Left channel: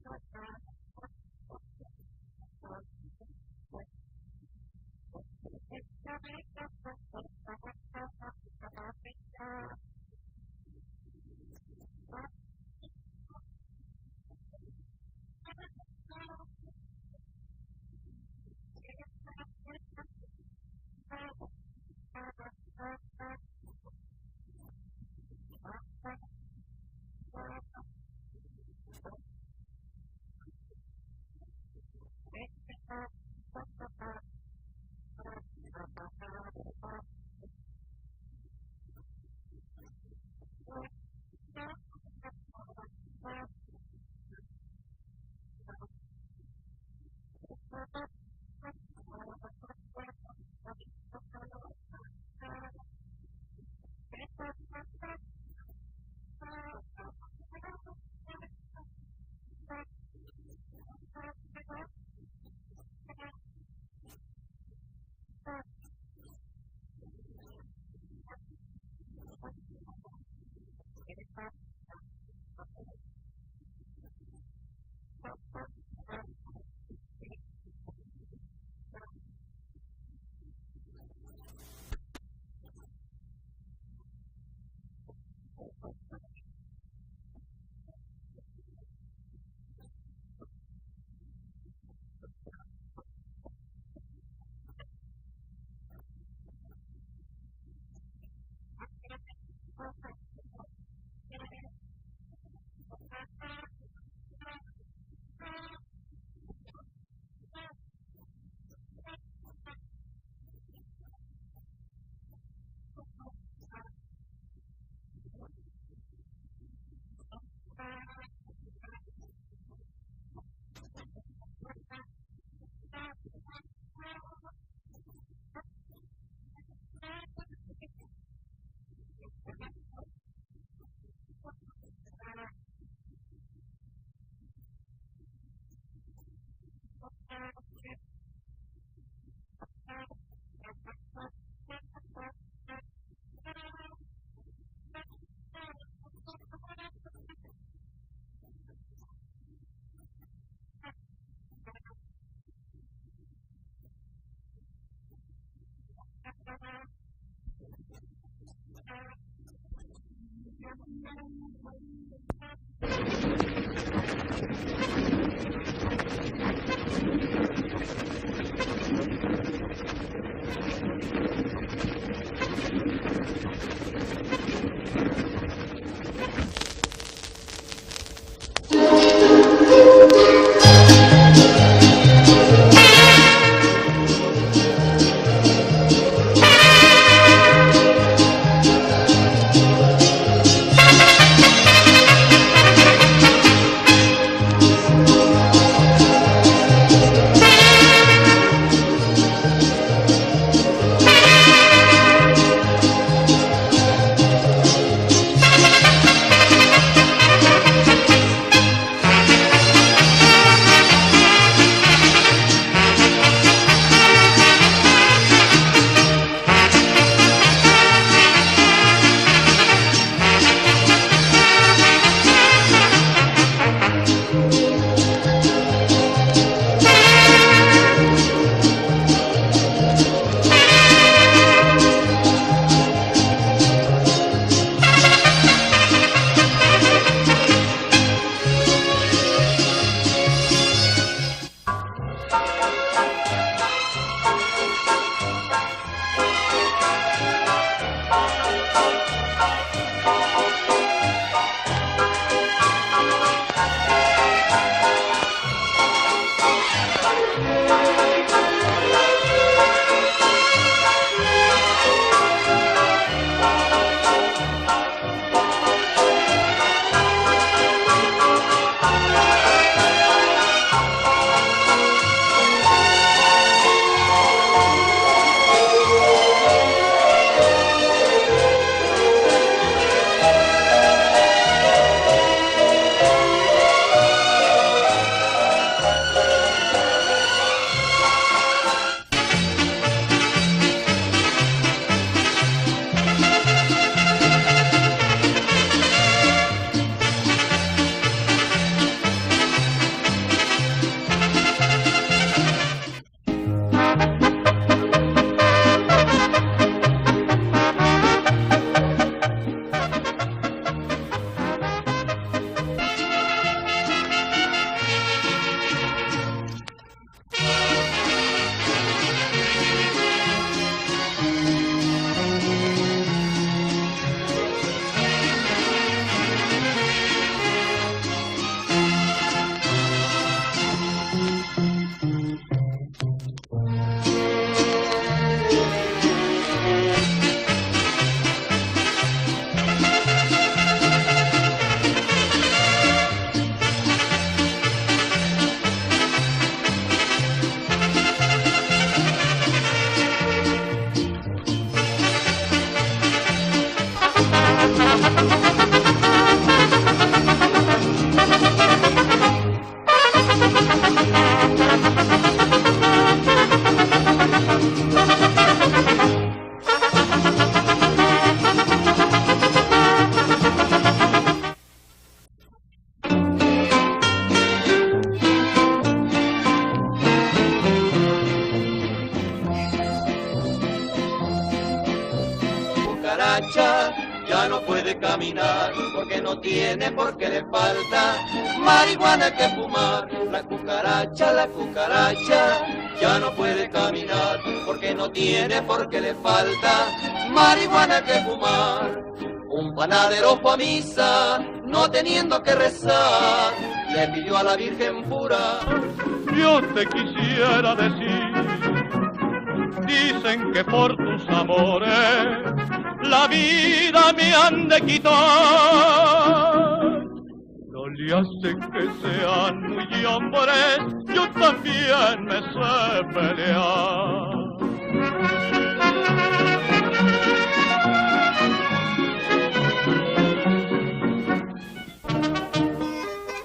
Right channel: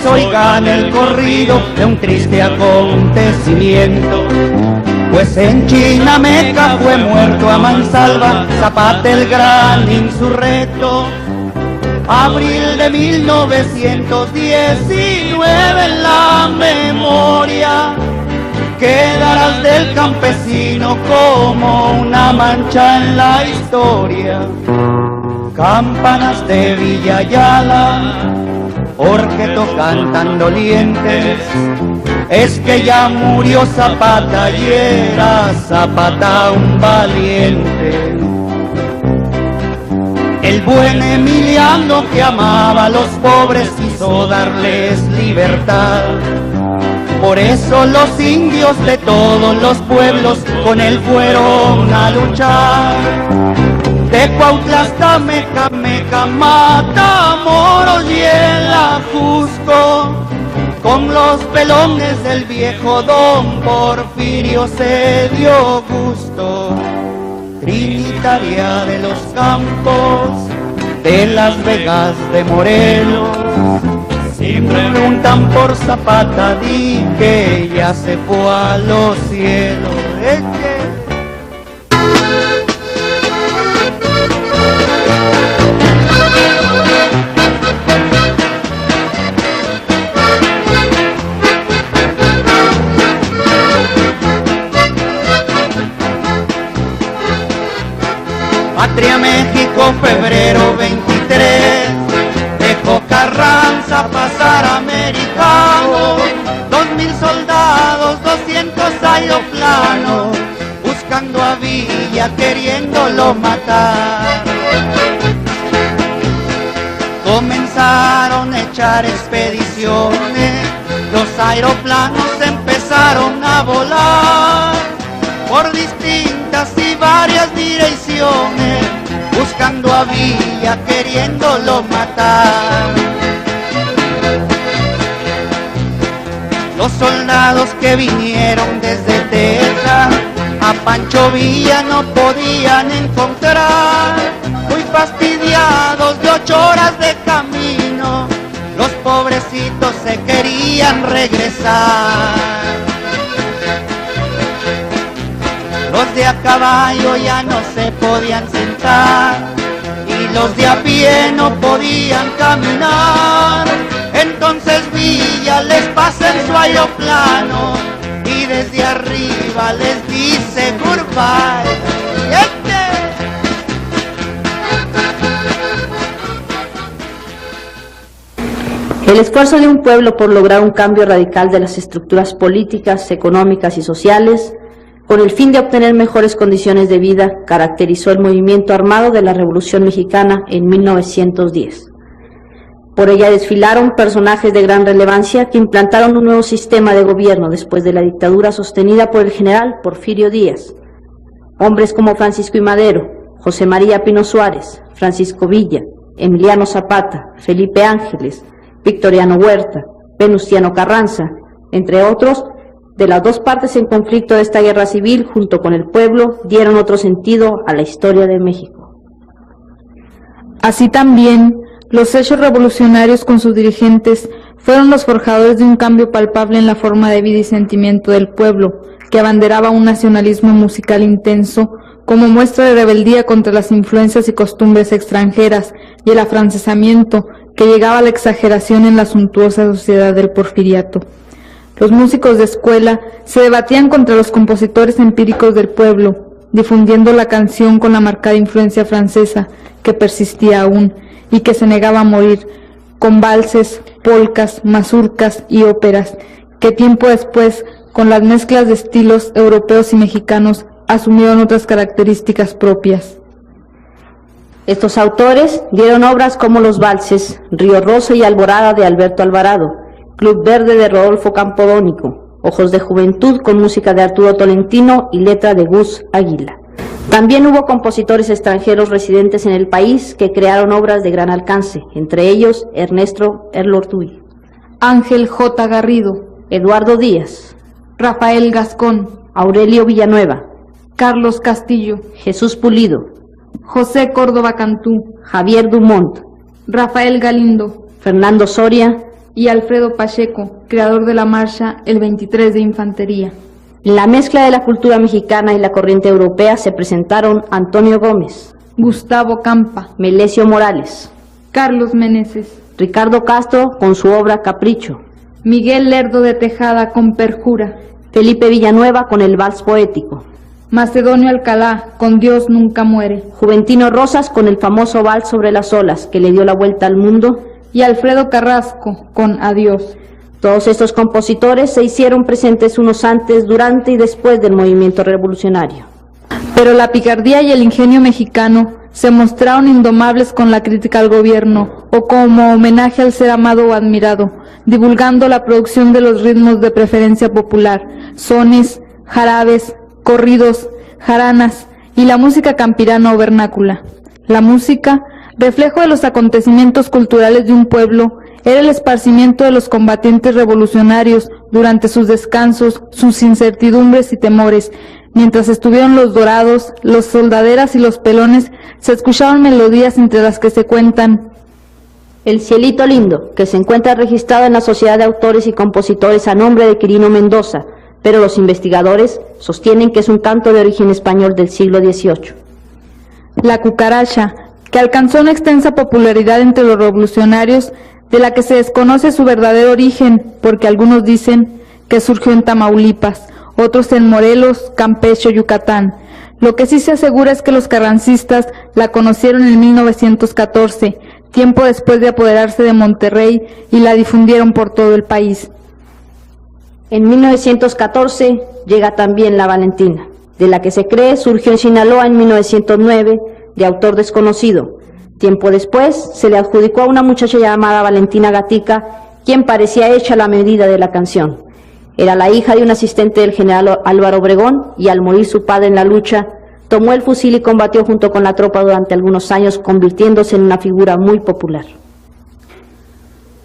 ustedes oigan el corrido de un triste acontecimiento. Pues en Chinameca fue muerto a mansalva Zapata el gran insurrecto. Abril de 1919 en la memoria quedarás del campesino como una mancha en la historia. Campanas de Villa Ayala, porque tocan tan dolientes, es que ya murió Zapata y era Zapata un valiente. El buen Emiliano que amaba a los pobres quiso darles libertad. Por eso los indios de todos los pueblos con él fueron a luchar. De Cuautla hasta Mecameca, Matamoros y el Ajusco, con los pelones del viejo don Porfirio se dio gusto. Trinitaria de los Campos, de Las Vegas, de Morelos, si preguntan por Zapata, di que ya se fue a los cielos. Patria México, febrero 23, dejó Carranza pasar americano, 2000 soldados, 200 aeroplanos, buscando a Villa, queriéndolo matar. Comenzaron a echar expediciones, los aeroplanos empezaron a volar por distintas y varias direcciones, buscando a Villa, queriéndolo matar. Los soldados que vinieron desde Texas a Pancho Villa no podían encontrar, muy fastidiados de 8 horas de camino, los pobrecitos se querían regresar. Los de a caballo ya no se podían sentar y los de a pie no podían caminar. Entonces Villa les pasa en su aeroplano y desde arriba les dice goodbye. El esfuerzo de un pueblo por lograr un cambio radical de las estructuras políticas, económicas y sociales, con el fin de obtener mejores condiciones de vida, caracterizó el movimiento armado de la Revolución Mexicana en 1910. Por ella desfilaron personajes de gran relevancia que implantaron un nuevo sistema de gobierno después de la dictadura sostenida por el general Porfirio Díaz. Hombres como Francisco I. Madero, José María Pino Suárez, Francisco Villa, Emiliano Zapata, Felipe Ángeles, Victoriano Huerta, Venustiano Carranza, entre otros, de las dos partes del conflicto de esta guerra civil, junto con el pueblo, dieron otro sentido a la historia de México. Así también, los hechos revolucionarios con sus dirigentes fueron los forjadores de un cambio palpable en la forma de vida y sentimiento del pueblo, que abanderaba un nacionalismo musical intenso como muestra de rebeldía contra las influencias y costumbres extranjeras y el afrancesamiento que llegaba a la exageración en la suntuosa sociedad del porfiriato. Los músicos de escuela se debatían contra los compositores empíricos del pueblo, difundiendo la canción con la marcada influencia francesa que persistía aún y que se negaba a morir, con valses, polcas, mazurcas y óperas, que tiempo después, con las mezclas de estilos europeos y mexicanos, asumieron otras características propias. Estos autores dieron obras como los valses Río Rosso y Alborada de Alberto Alvarado, Club Verde de Rodolfo Campodónico, Ojos de Juventud con música de Arturo Tolentino y letra de Gus Aguirre. También hubo compositores extranjeros residentes en el país que crearon obras de gran alcance, entre ellos Ernesto Erlotín, Ángel J. Garrido, Eduardo Díaz, Rafael Gascón, Aurelio Villanueva, Carlos Castillo, Jesús Pulido, José Córdoba Cantú, Javier Dumont, Rafael Galindo, Fernando Soria, y Alfredo Pacheco, creador de la marcha El 23 de Infantería. En la mezcla de la cultura mexicana y la corriente europea se presentaron Antonio Gómez, Gustavo Campa, Melesio Morales, Carlos Meneses, Ricardo Castro con su obra Capricho, Miguel Lerdo de Tejada con Perjura, Felipe Villanueva con el Vals Poético, Macedonio Alcalá con Dios Nunca Muere, Juventino Rosas con el famoso Vals sobre las olas que le dio la vuelta al mundo, y Alfredo Carrasco con Adiós. Todos estos compositores se hicieron presentes unos antes, durante y después del movimiento revolucionario. Pero la picardía y el ingenio mexicano se mostraron indomables con la crítica al gobierno o como homenaje al ser amado o admirado, divulgando la producción de los ritmos de preferencia popular, sones, jarabes, corridos, jaranas y la música campirana o vernácula. La música, reflejo de los acontecimientos culturales de un pueblo, era el esparcimiento de los combatientes revolucionarios durante sus descansos, sus incertidumbres y temores. Mientras estuvieron los dorados, los soldaderas y los pelones, se escuchaban melodías entre las que se cuentan El Cielito Lindo, que se encuentra registrado en la Sociedad de Autores y Compositores a nombre de Quirino Mendoza, pero los investigadores sostienen que es un canto de origen español del siglo XVIII. La cucaracha, que alcanzó una extensa popularidad entre los revolucionarios, de la que se desconoce su verdadero origen, porque algunos dicen que surgió en Tamaulipas, otros en Morelos, Campeche, Yucatán. Lo que sí se asegura es que los carrancistas la conocieron en 1914, tiempo después de apoderarse de Monterrey, y la difundieron por todo el país. En 1914 llega también la Valentina, de la que se cree surgió en Sinaloa en 1909, de autor desconocido. Tiempo después se le adjudicó a una muchacha llamada Valentina Gatica, quien parecía hecha a la medida de la canción. Era la hija de un asistente del general Álvaro Obregón y al morir su padre en la lucha, tomó el fusil y combatió junto con la tropa durante algunos años, convirtiéndose en una figura muy popular.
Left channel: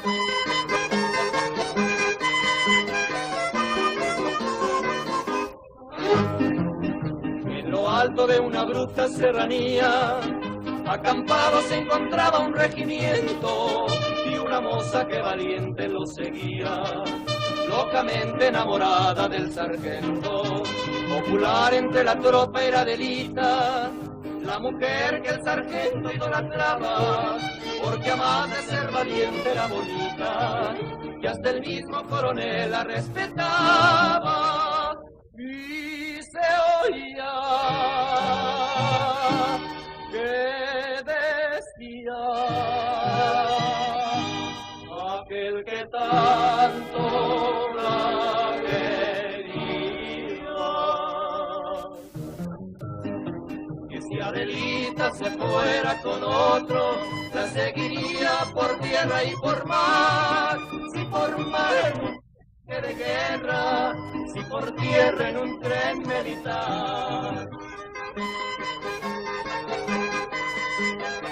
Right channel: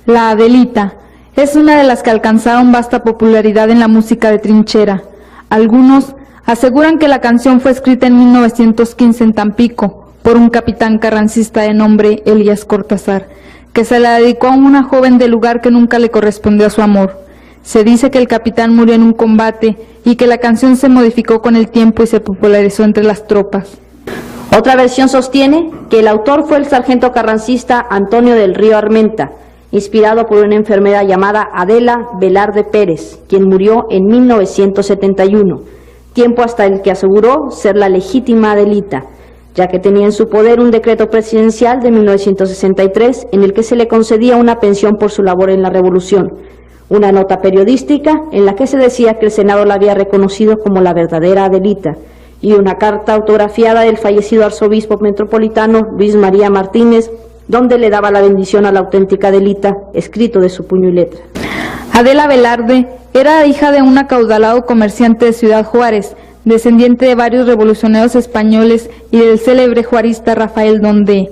La Adelita es una de las que alcanzaron vasta popularidad en la música de trinchera. Algunos aseguran que la canción fue escrita en 1915 en Tampico por un capitán carrancista de nombre Elías Cortázar, que se la dedicó a una joven del lugar que nunca le correspondió a su amor. Se dice que el capitán murió en un combate y que la canción se modificó con el tiempo y se popularizó entre las tropas. Otra versión sostiene que el autor fue el sargento carrancista Antonio del Río Armenta, inspirado por una enfermera llamada Adela Velarde Pérez, quien murió en 1971, tiempo hasta el que aseguró ser la legítima Adelita, ya que tenía en su poder un decreto presidencial de 1963 en el que se le concedía una pensión por su labor en la revolución, una nota periodística en la que se decía que el Senado la había reconocido como la verdadera Adelita, y una carta autografiada del fallecido arzobispo metropolitano Luis María Martínez, donde le daba la bendición a la auténtica Adelita, escrito de su puño y letra. Adela Velarde era hija de un acaudalado comerciante de Ciudad Juárez, descendiente de varios revolucionarios españoles y del célebre juarista Rafael Donde.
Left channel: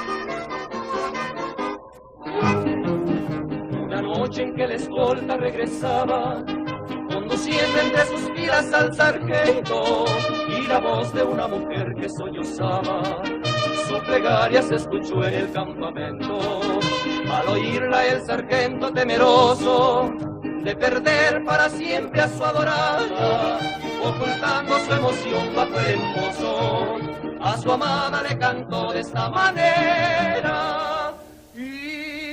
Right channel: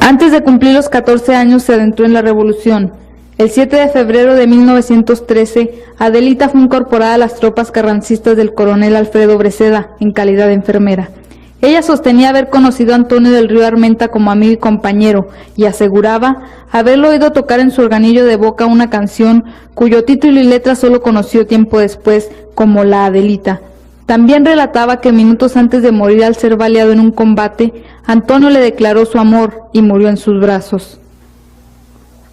Antes de cumplir los 14 años se adentró en la revolución. El 7 de febrero de 1913, Adelita fue incorporada a las tropas carrancistas del coronel Alfredo Breceda en calidad de enfermera. Ella sostenía haber conocido a Antonio del Río Armenta como amigo y compañero, y aseguraba haberlo oído tocar en su organillo de boca una canción cuyo título y letra solo conoció tiempo después como La Adelita. También relataba que minutos antes de morir al ser baleado en un combate, Antonio le declaró su amor y murió en sus brazos.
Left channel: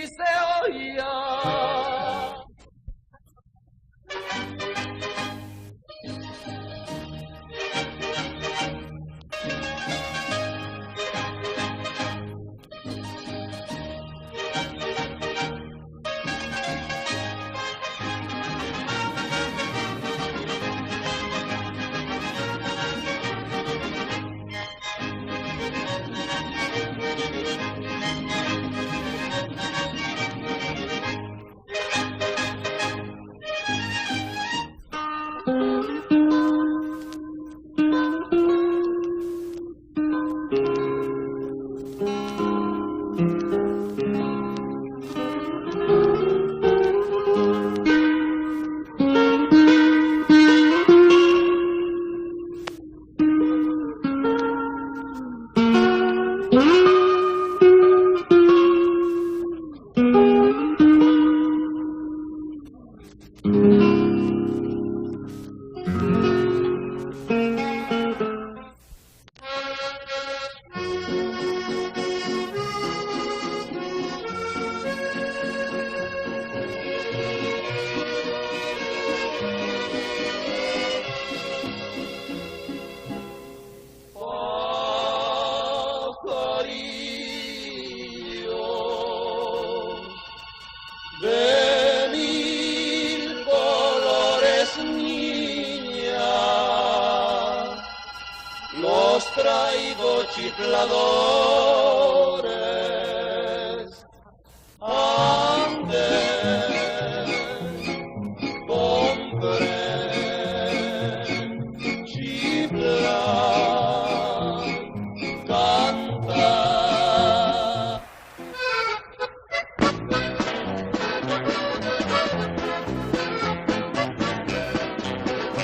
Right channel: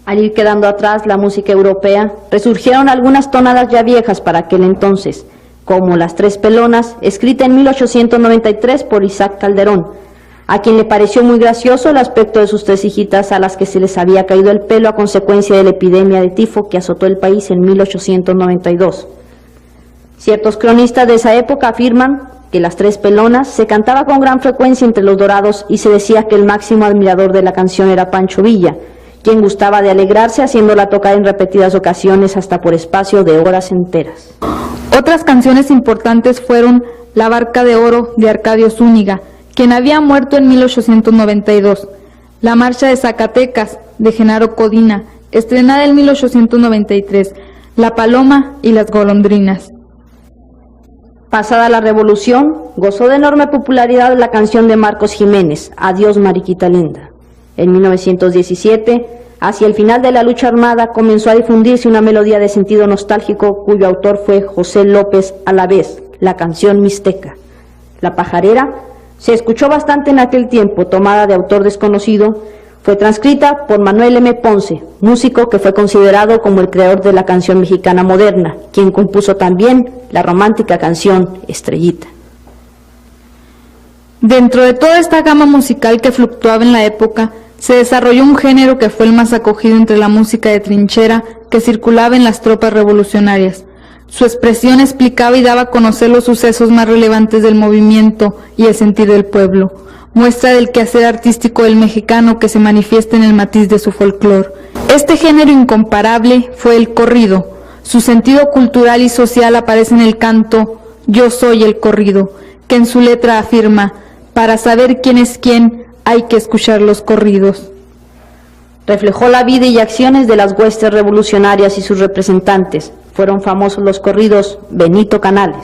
Al ir quedando atrás la música europea, resurgieron algunas tonadas ya viejas para aquel entonces, como Las Tres Pelonas, escrita en 1893 por Isaac Calderón, a quien le pareció muy gracioso el aspecto de sus tres hijitas a las que se les había caído el pelo a consecuencia de la epidemia de tifo que azotó el país en 1892. Ciertos cronistas de esa época afirman que Las Tres Pelonas se cantaba con gran frecuencia entre los dorados y se decía que el máximo admirador de la canción era Pancho Villa, quien gustaba de alegrarse haciéndola tocar en repetidas ocasiones hasta por espacio de horas enteras. Otras canciones importantes fueron La Barca de Oro de Arcadio Zúñiga, quien había muerto en 1892, La Marcha de Zacatecas de Genaro Codina, estrenada en 1893, La Paloma y las Golondrinas. Pasada la revolución, gozó de enorme popularidad la canción de Marcos Jiménez, Adiós Mariquita Linda. En 1917, Hacia el final de la lucha armada comenzó a difundirse una melodía de sentido nostálgico cuyo autor fue José López Alavés, la canción Mixteca. La pajarera se escuchó bastante en aquel tiempo, tomada de autor desconocido. Fue transcrita por Manuel M. Ponce, músico que fue considerado como el creador de la canción mexicana moderna, quien compuso también la romántica canción Estrellita. Dentro de toda esta gama musical que fluctuaba en la época, se desarrolló un género que fue el más acogido entre la música de trinchera que circulaba en las tropas revolucionarias. Su expresión explicaba y daba a conocer los sucesos más relevantes del movimiento y el sentir del pueblo, muestra del quehacer artístico del mexicano que se manifiesta en el matiz de su folclore. Este género incomparable fue el corrido. Su sentido cultural y social aparece en el canto Yo soy el corrido, que en su letra afirma: para saber quién es quién hay que escuchar los corridos. Reflejó la vida y acciones de las huestes revolucionarias y sus representantes. Fueron famosos los corridos Benito Canales,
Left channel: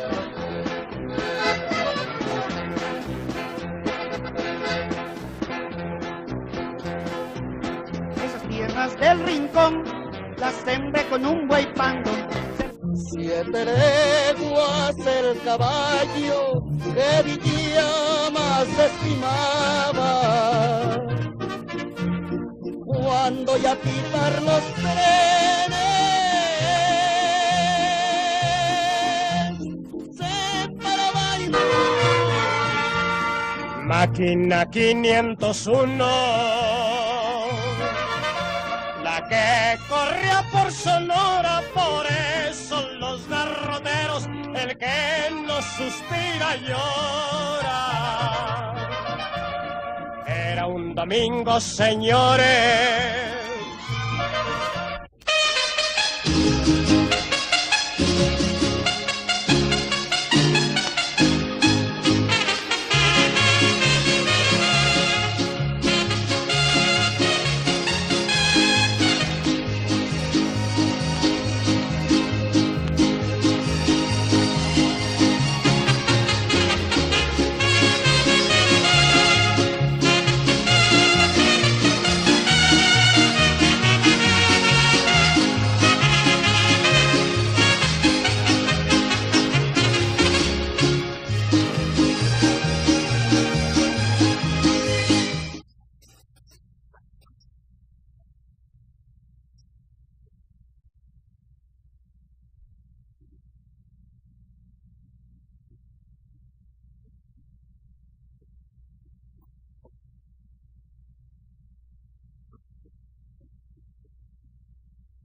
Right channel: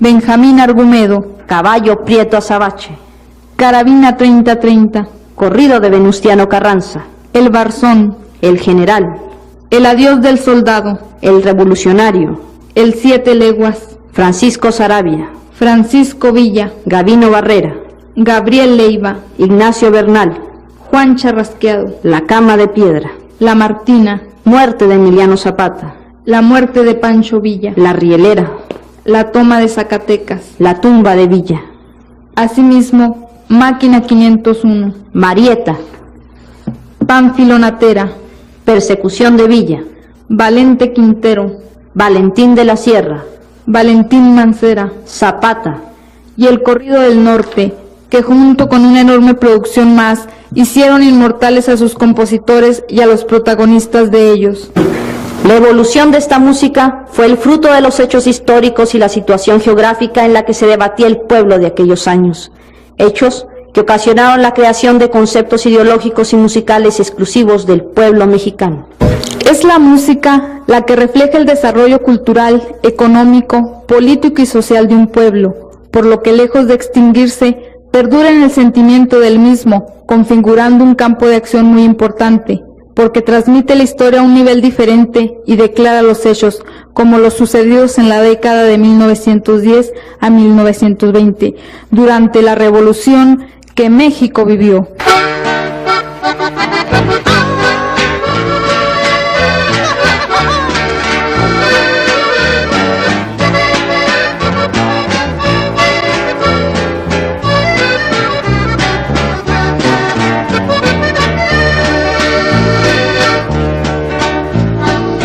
Benjamín Argumedo, Caballo Prieto Azabache, Carabina 3030, corrido de Venustiano Carranza, El Barzón, El General, El Adiós del Soldado, El Revolucionario, El 7 Leguas, Francisco Saravia, Francisco Villa, Gavino Barrera, Gabriel Leiva, Ignacio Bernal, Juan Charrasqueado, La Cama de Piedra, La Martina, Muerte de Emiliano Zapata, La Muerte de Pancho Villa, La Rielera, La Toma de Zacatecas, La Tumba de Villa, asimismo Máquina 501, Marieta, Pánfilo Natera, Persecución de Villa, Valente Quintero, Valentín de la Sierra, Valentín Mancera, Zapata y El Corrido del Norte, que junto con una enorme producción más, hicieron inmortales a sus compositores y a los protagonistas de ellos. La evolución de esta música fue el fruto de los hechos históricos y la situación geográfica en la que se debatía el pueblo de aquellos años. Hechos que ocasionaron la creación de conceptos ideológicos y musicales exclusivos del pueblo mexicano. Es la música la que refleja el desarrollo cultural, económico, político y social de un pueblo, por lo que lejos de extinguirse, perdura en el sentimiento del mismo, configurando un campo de acción muy importante, porque transmite la historia a un nivel diferente y declara los hechos, como los sucedidos en la década de 1910 a 1920, durante la revolución que México vivió.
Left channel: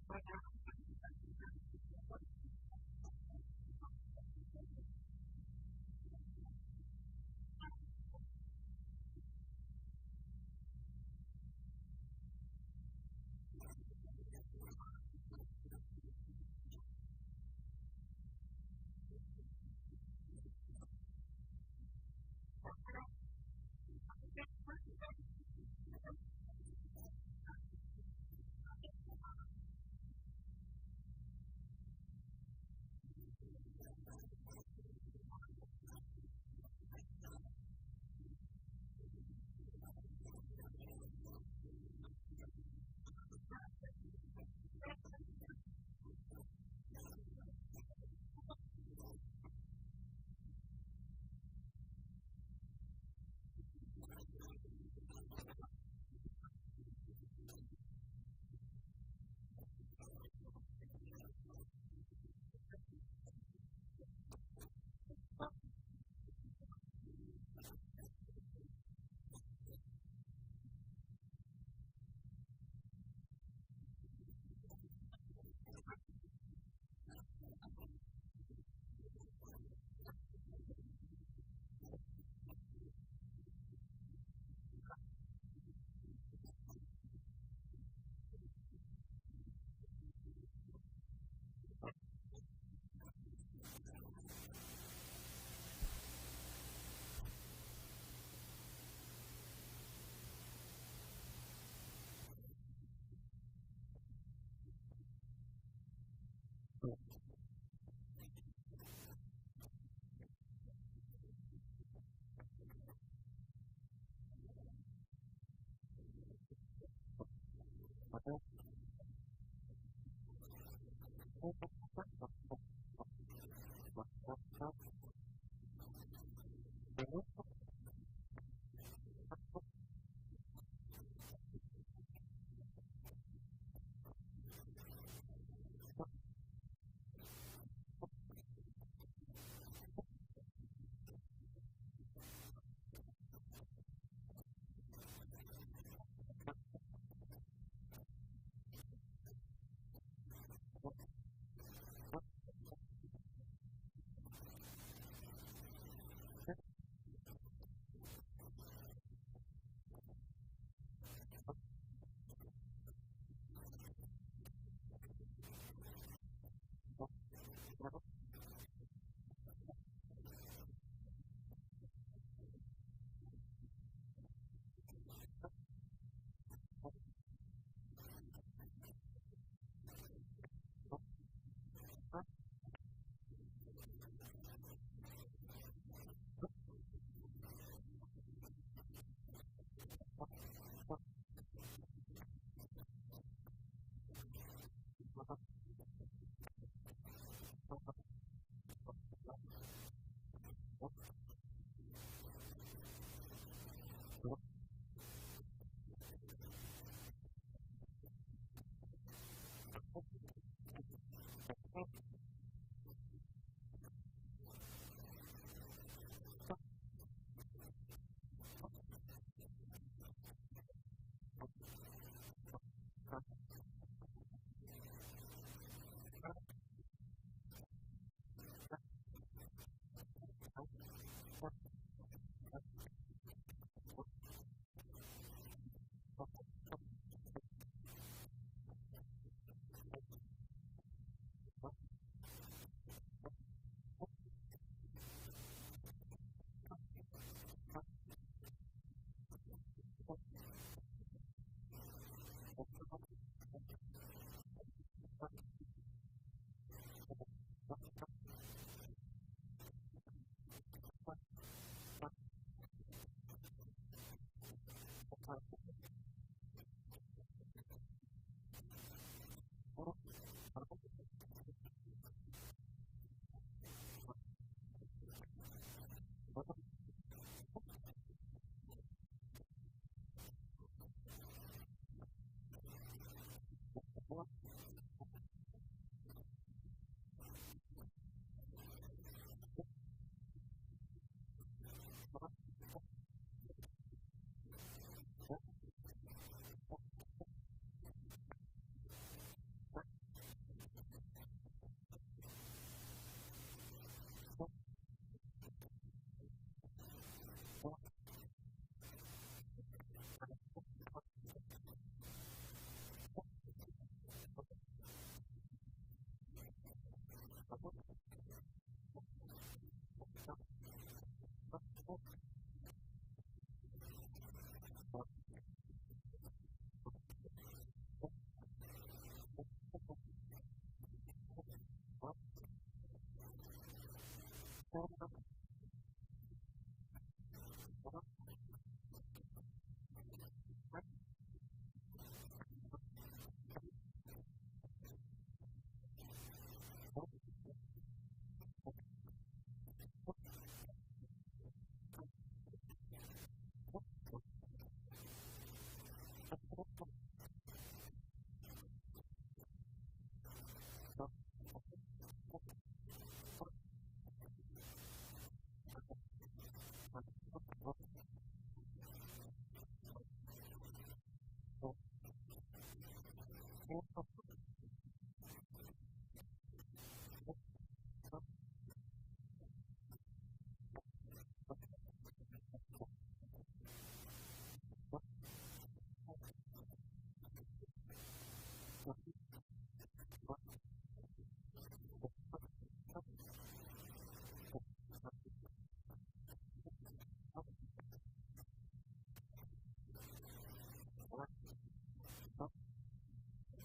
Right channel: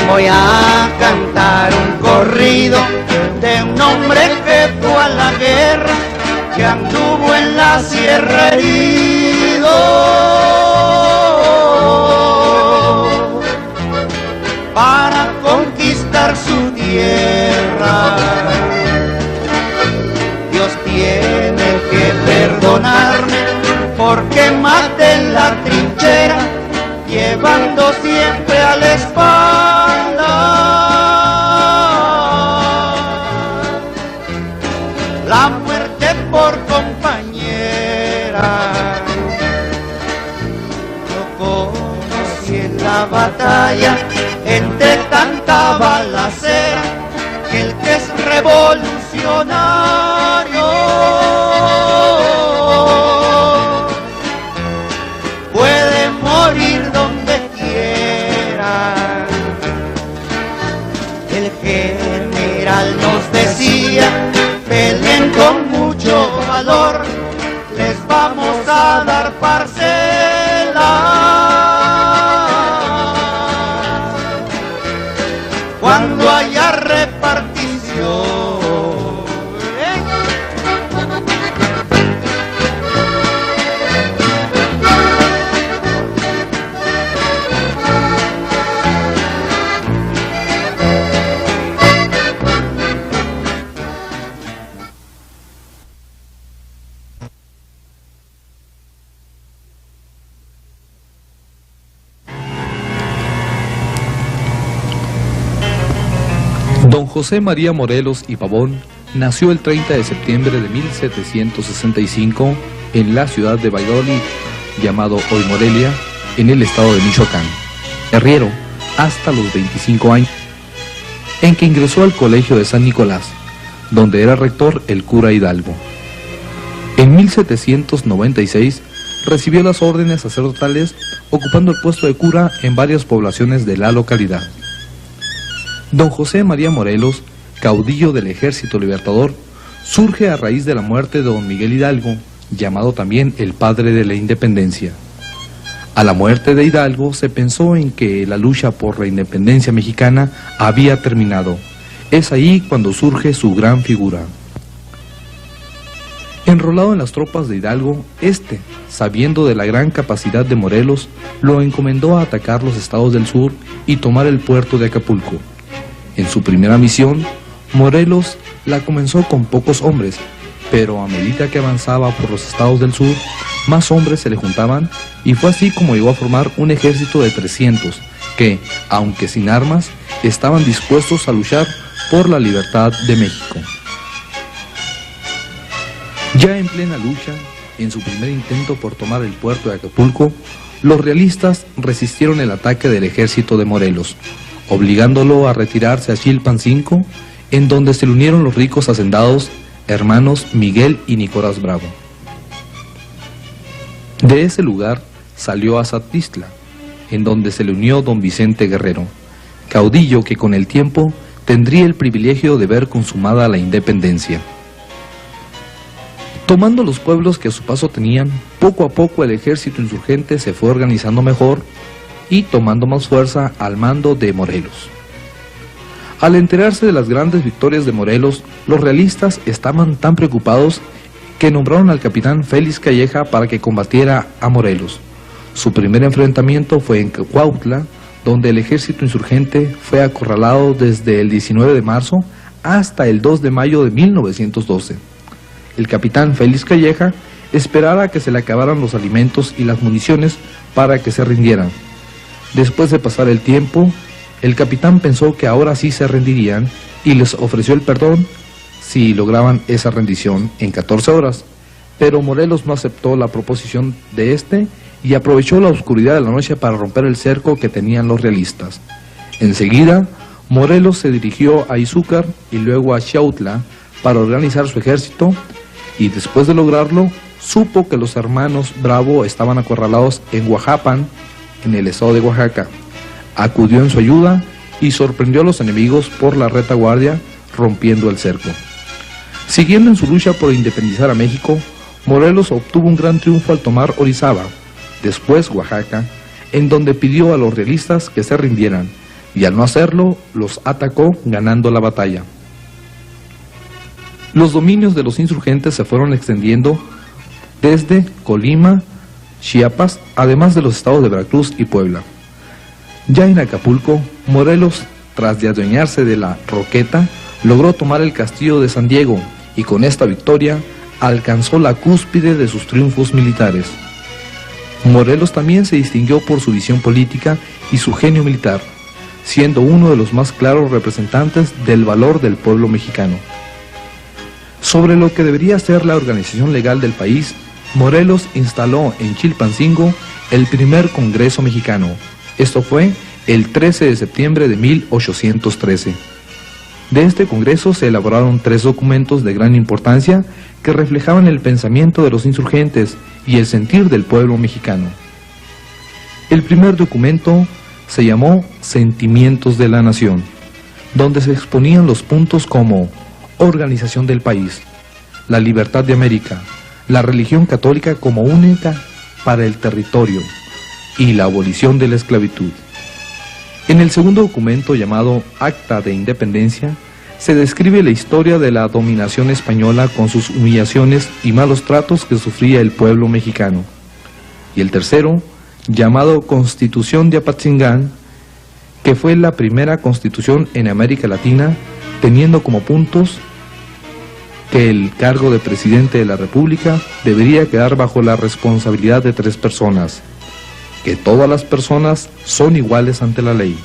Voy a cantar un corrido de un hombre que fue a la guerra, que anduvo en la sierra herido, para conquistar su tierra. Dios tiene que perdonarme porque maté en la trinchera, llevando siempre a la espalda la muerte por compañera. Yo conocí en la batalla, entre tanta balacera, que el que es revolucionario puede morir donde quiera. El general nos decía: peleen con mucho valor, les vamos a dar parcela. Cuando haya repartición, Don José María Morelos y Pavón nació el 30 de septiembre de 1765 en la ciudad de Valladolid, llamado hoy Morelia, en el estado de Michoacán. arriero hasta los 25 años, en que ingresó al colegio de San Nicolás, donde era rector el cura Hidalgo. En 1796 recibió las órdenes sacerdotales, ocupando el puesto de cura en varias poblaciones de la localidad. Don José María Morelos, caudillo del Ejército Libertador, surge a raíz de la muerte de don Miguel Hidalgo, llamado también el padre de la independencia. A la muerte de Hidalgo se pensó en que la lucha por la independencia mexicana había terminado. Es ahí cuando surge su gran figura. Enrolado en las tropas de Hidalgo, sabiendo de la gran capacidad de Morelos, lo encomendó a atacar los estados del sur y tomar el puerto de Acapulco. En su primera misión, Morelos la comenzó con pocos hombres, pero a medida que avanzaba por los estados del sur, más hombres se le juntaban, y fue así como llegó a formar un ejército de 300, que, aunque sin armas, estaban dispuestos a luchar por la libertad de México. Ya en plena lucha, en su primer intento por tomar el puerto de Acapulco, los realistas resistieron el ataque del ejército de Morelos, obligándolo a retirarse a Chilpancingo, en donde se le unieron los ricos hacendados hermanos Miguel y Nicolás Bravo. De ese lugar salió a Satistla, en donde se le unió don Vicente Guerrero, caudillo que con el tiempo tendría el privilegio de ver consumada la independencia. Tomando los pueblos que a su paso tenían, poco a poco el ejército insurgente se fue organizando mejor y tomando más fuerza al mando de Morelos. Al enterarse de las grandes victorias de Morelos, los realistas estaban tan preocupados que nombraron al capitán Félix Calleja para que combatiera a Morelos. Su primer enfrentamiento fue en Cuautla, donde el ejército insurgente fue acorralado desde el 19 de marzo hasta el 2 de mayo de 1912. El capitán Félix Calleja esperaba que se le acabaran los alimentos y las municiones para que se rindieran. Después de pasar el tiempo, el capitán pensó que ahora sí se rendirían y les ofreció el perdón si lograban esa rendición en 14 horas. Pero Morelos no aceptó la proposición de y aprovechó la oscuridad de la noche para romper el cerco que tenían los realistas. Enseguida, Morelos se dirigió a Izúcar y luego a Xautla para organizar su ejército, y después de lograrlo, supo que los hermanos Bravo estaban acorralados en Oaxapan, en el estado de Oaxaca. Acudió en su ayuda y sorprendió a los enemigos por la retaguardia, rompiendo el cerco. Siguiendo en su lucha por independizar a México, Morelos obtuvo un gran triunfo al tomar Orizaba, después Oaxaca, en donde pidió a los realistas que se rindieran, y al no hacerlo, los atacó ganando la batalla. Los dominios de los insurgentes se fueron extendiendo desde Colima, Chiapas, además de los estados de Veracruz y Puebla. Ya en Acapulco, Morelos, tras de adueñarse de la Roqueta, logró tomar el castillo de San Diego y con esta victoria alcanzó la cúspide de sus triunfos militares. Morelos también se distinguió por su visión política y su genio militar, siendo uno de los más claros representantes del valor del pueblo mexicano. Sobre lo que debería ser la organización legal del país, Morelos instaló en Chilpancingo el primer Congreso Mexicano. Esto fue el 13 de septiembre de 1813. De este Congreso se elaboraron 3 documentos de gran importancia que reflejaban el pensamiento de los insurgentes y el sentir del pueblo mexicano. El primer documento se llamó Sentimientos de la Nación, donde se exponían los puntos como organización del país, la libertad de América, la religión católica como única para el territorio y la abolición de la esclavitud. En el segundo documento, llamado Acta de Independencia, se describe la historia de la dominación española con sus humillaciones y malos tratos que sufría el pueblo mexicano. Y el tercero, llamado Constitución de Apatzingán, que fue la primera constitución en América Latina, teniendo como puntos que el cargo de presidente de la República debería quedar bajo la responsabilidad de 3 personas, que todas las personas son iguales ante la ley,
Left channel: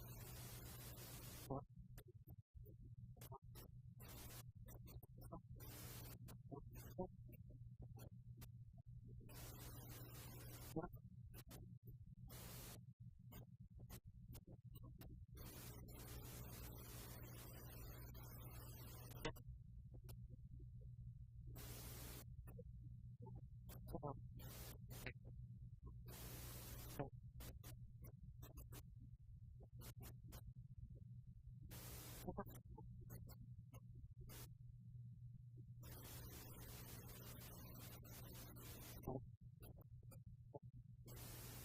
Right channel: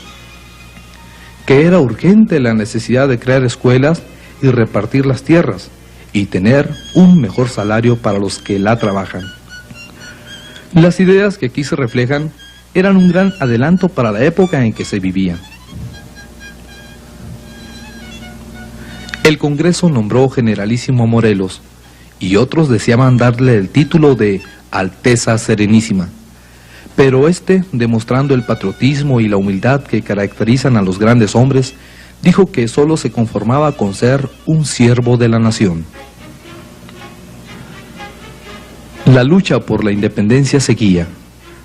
que era urgente la necesidad de crear escuelas y repartir las tierras, y tener un mejor salario para los que la trabajan. Las ideas que aquí se reflejan eran un gran adelanto para la época en que se vivía. El Congreso nombró generalísimo a Morelos, y otros deseaban darle el título de Alteza Serenísima. Pero este, demostrando el patriotismo y la humildad que caracterizan a los grandes hombres, dijo que solo se conformaba con ser un siervo de la nación. La lucha por la independencia seguía.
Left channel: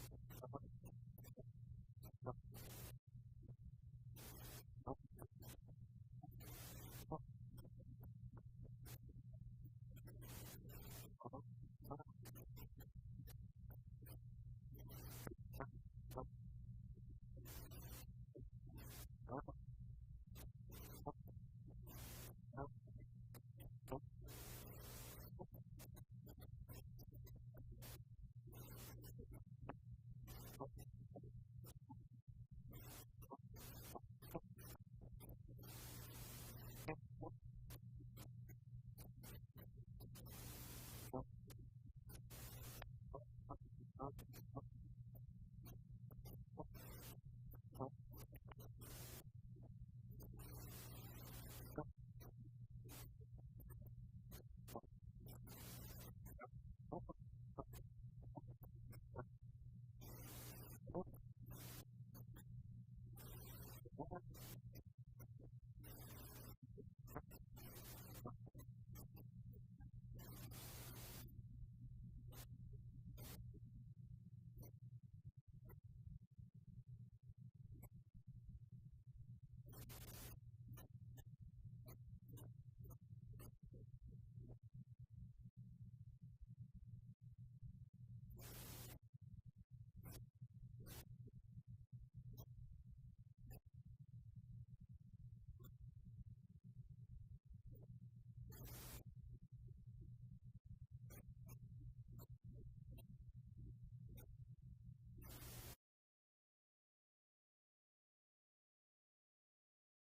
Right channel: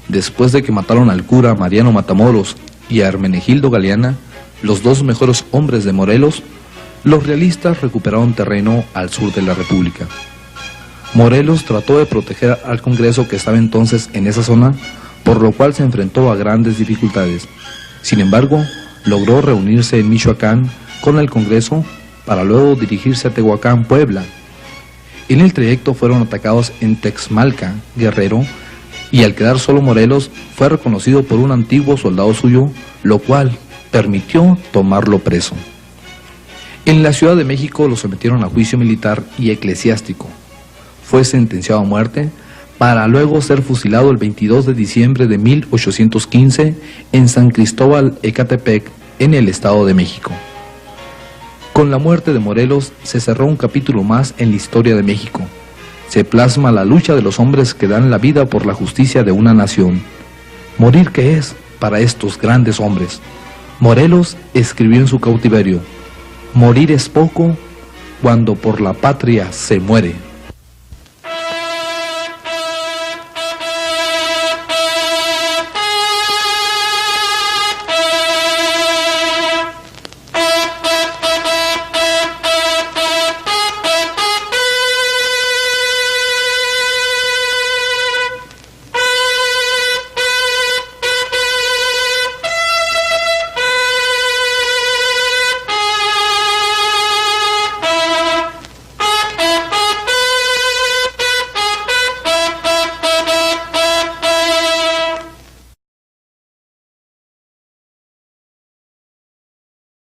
Después de que mataron al cura Mariano Matamoros y a Hermenegildo Galeana, los dos mejores hombres de Morelos, los realistas recuperaron terreno al sur de la República. Morelos trató de proteger al Congreso que estaba entonces en esa zona, por lo cual se enfrentó a grandes dificultades. Sin embargo, logró reunirse en Michoacán con el Congreso para luego dirigirse a Tehuacán, Puebla. En el trayecto fueron atacados en Texmalca, Guerrero, y al quedar solo Morelos fue reconocido por un antiguo soldado suyo, lo cual permitió tomarlo preso. En la Ciudad de México lo sometieron a juicio militar y eclesiástico. Fue sentenciado a muerte para luego ser fusilado el 22 de diciembre de 1815 en San Cristóbal, Ecatepec, en el Estado de México. Con la muerte de Morelos se cerró un capítulo más en la historia de México. Se plasma la lucha de los hombres que dan la vida por la justicia de una nación. ¿Morir qué es para estos grandes hombres? Morelos escribió en su cautiverio: morir es poco cuando por la patria se muere.